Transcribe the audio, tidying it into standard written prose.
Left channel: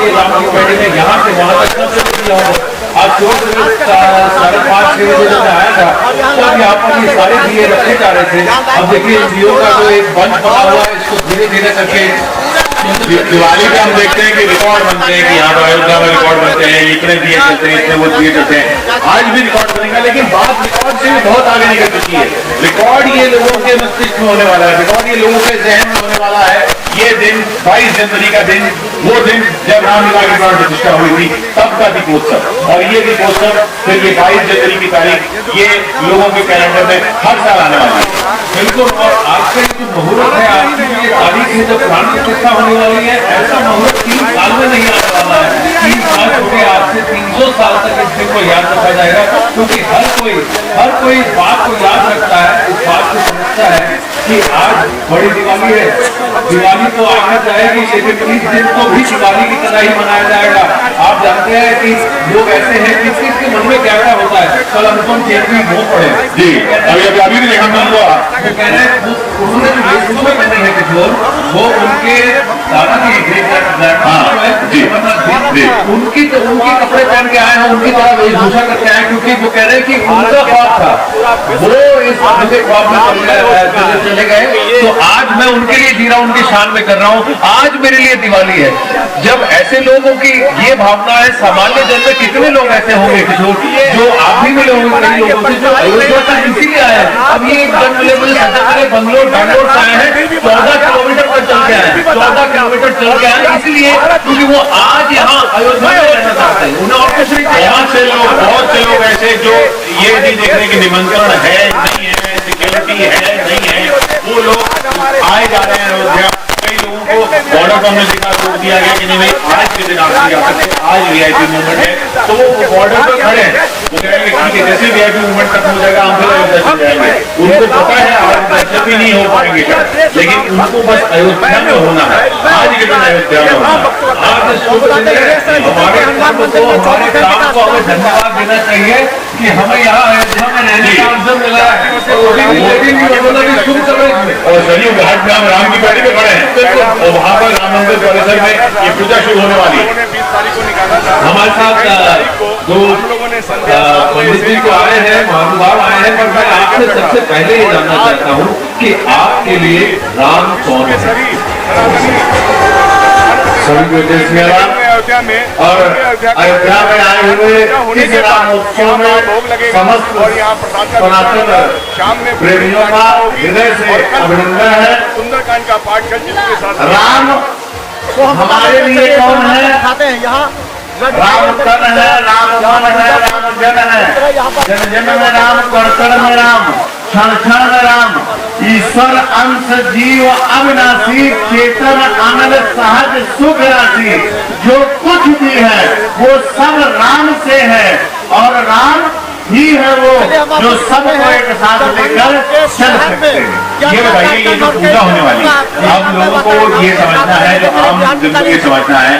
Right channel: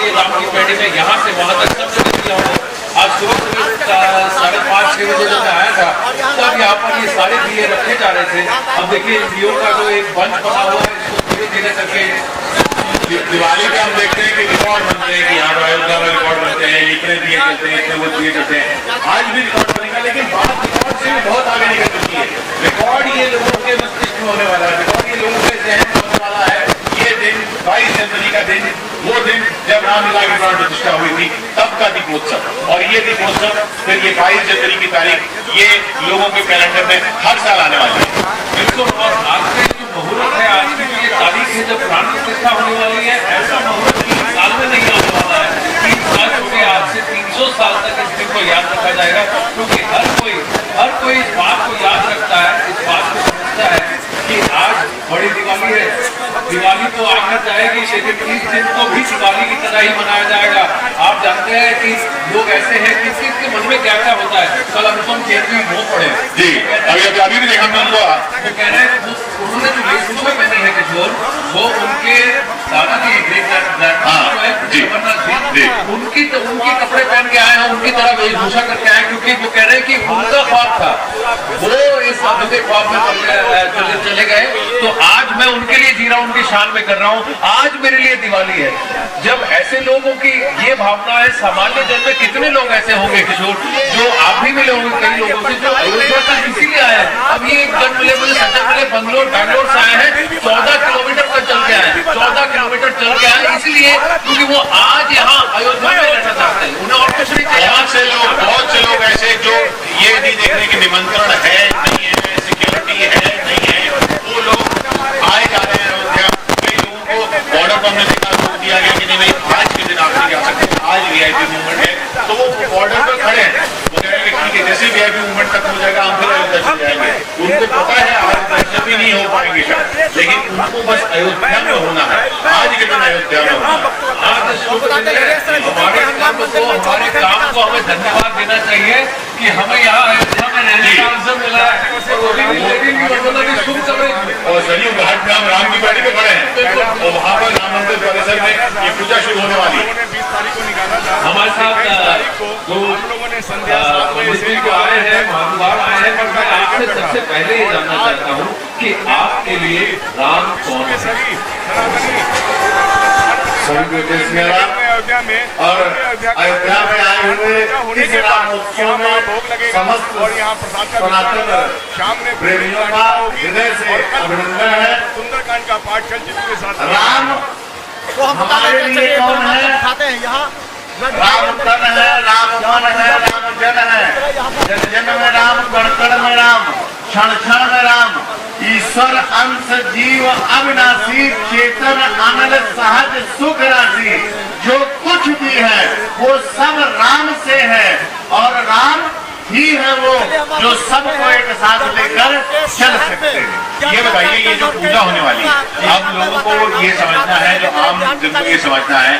लिए राम की पैड़ी में यहाँ से वहां तक सब जगह दिया होगा। आज सुबह 5:30-6 बजे जब मैं आया था तब यहाँ पर ये सारे दिए रखे जा रहे थे। अब देखिए दियों का जो एक बंच बना हुआ है, इसको धीरे धीरे करके दिवाली पे हम देखते हैं कि रिकॉर्ड बनते हैं कि यहाँ पर अयोध्या में रिकॉर्ड बनते हैं, इतने दिए चलते हैं, इतने वो दिए चलते हैं। आज भी रिकॉर्ड बनेगा, लेकिन बात रिकॉर्ड से बहुत आगे निकल चुकी है। रिकॉर्ड ये लोगों के मस्तिष्क में होने वाला है, रिकॉर्ड ये लोगों के जहन में होने वाला है। ये दिन 22 जनवरी का दिन, वो दिन जब रामलीला की प्राण प्रतिष्ठा हुई थी, तब का दीपोत्सव। और ये दीपोत्सव फिर ये 22 जनवरी की तारीख ये लोगों के कैलेंडर में हर साल आने वाली है। बिल्कुल। और आज का जो मुहूर्त है, आज की ये तारीख है जब प्राण प्रतिष्ठा होने वाली है, ऐसा मुहूर्त 3 साल में नहीं आने वाला है। 3 साल हो गए, आज से 300 साल तक इस दिन को याद रखा जाएगा, क्योंकि हर कोई इस बात को याद रखता है, इस बात को समझता है कि आज बड़ी दिवाली है। दिवाली तो आना जाएगी, लेकिन इस दिन को भी दिवाली की तरह ही मनाया जाएगा। आप जानते हैं कि लोग ऐसे हैं कि किसके मन में क्या क्या होता है। कल अनुपम खेत में वो पड़े जी, अभी भी देखा मैं वो कह रहे हैं उन्होंने जो वेशभूषा पहनी है किशोर, वो उनके दादा की उनकी कपड़े पहन के आए हैं, उनकी तरह वेशभूषा करके आए, क्योंकि वो कह रहे हैं कि उनका ख्वाब था, वो इस ख्वाब में चले गए। तो आज मैं उनके लिए जी रहा हूं, उनकी शान में कर रहा हूं। आज मेरे लिए दिवाली है। जब ऐसे लोगों की ये भावना है, सामान्य जन में कितने लोग ऐसे होंगे किशोर, जो आप भी मिले होंगे कई लोगों से जो अयोध्या तक इसीलिए आए हैं। अब ये एक जन मिले मुझे सज्जन मिले बैंगलोर से आए हैं, 14 किलोमीटर तक चल के आए, 14 किलोमीटर चल के आए, इसलिए क्योंकि वो आज यहाँ अयोध्या में रहना चाहते हैं। उन्हें और कुछ नहीं चाहिए। बहुत से लोग ऐसे जो ये नहीं देखने की निमंत्रण है नहीं है, सिक्योरिटी है नहीं है, वो लोग आए जा रहे हैं अयोध्या। कई लोगों को बॉर्डर पर हमने देखा, रोक दिया गया कि नहीं भाई आज के दिन आप नहीं जा सकते, आज वीआईपी मूवमेंट है। तो वो बॉर्डर पर खड़े हैं, वो कह रहे हैं ठीक है, जैसे वीआईपी मूवमेंट खत्म हो जाएगा हम फिर अयोध्या चले जाएंगे। उनको पता है आज दर्शन भी नहीं हो पाएंगे शायद, लेकिन उनको बस अयोध्या में होना है, आज के दिन अयोध्या में होना है। आज हमारे काम को हमें धन्यवाद देना चाहिए कि हमें यहाँ अयोध्या में रहने का अवसर मिला है। और सरयू घाट में हम राम की पैड़ी में खड़े हैं और वहाँ पर राम मंदिर परिसर में ये पूजा शुरू होने वाली है। 20 तारीख को निकाला था। हमारे साथ दो पंडित जी को आए हैं, महानुभाव आए हैं, पर मैं आपसे सबसे पहले ये जानना चाहता हूँ कि आपके लिए राम कौन है? सभी देश में राम अयोध्या में और अयोध्या में आए हुए इस रामोत्सव में समस्त और यहाँ प्रसाद सनातन शाम में प्रेमियों का हृदय से अभिनंदन है। सुंदरकांड का पाठ कल जिसके साथ राम हमारे लिए कौन है? खाते हैं यहाँ राम तन है, राम मन है, राम जन है, जन जन में राम, कण कण में राम, क्षण क्षण में राम। ईश्वर अंश जीव अविनाशी, चेतन अनल सहज सुख राशि। जो कुछ भी है वो सब राम से है और राम ही है वो जो सबको एक साथ लेकर चल सकते हैं। ये बताइए, ये जो पूजा होने वाली है, आप लोगों को ये समझना है, जो आम जन को ये समझना है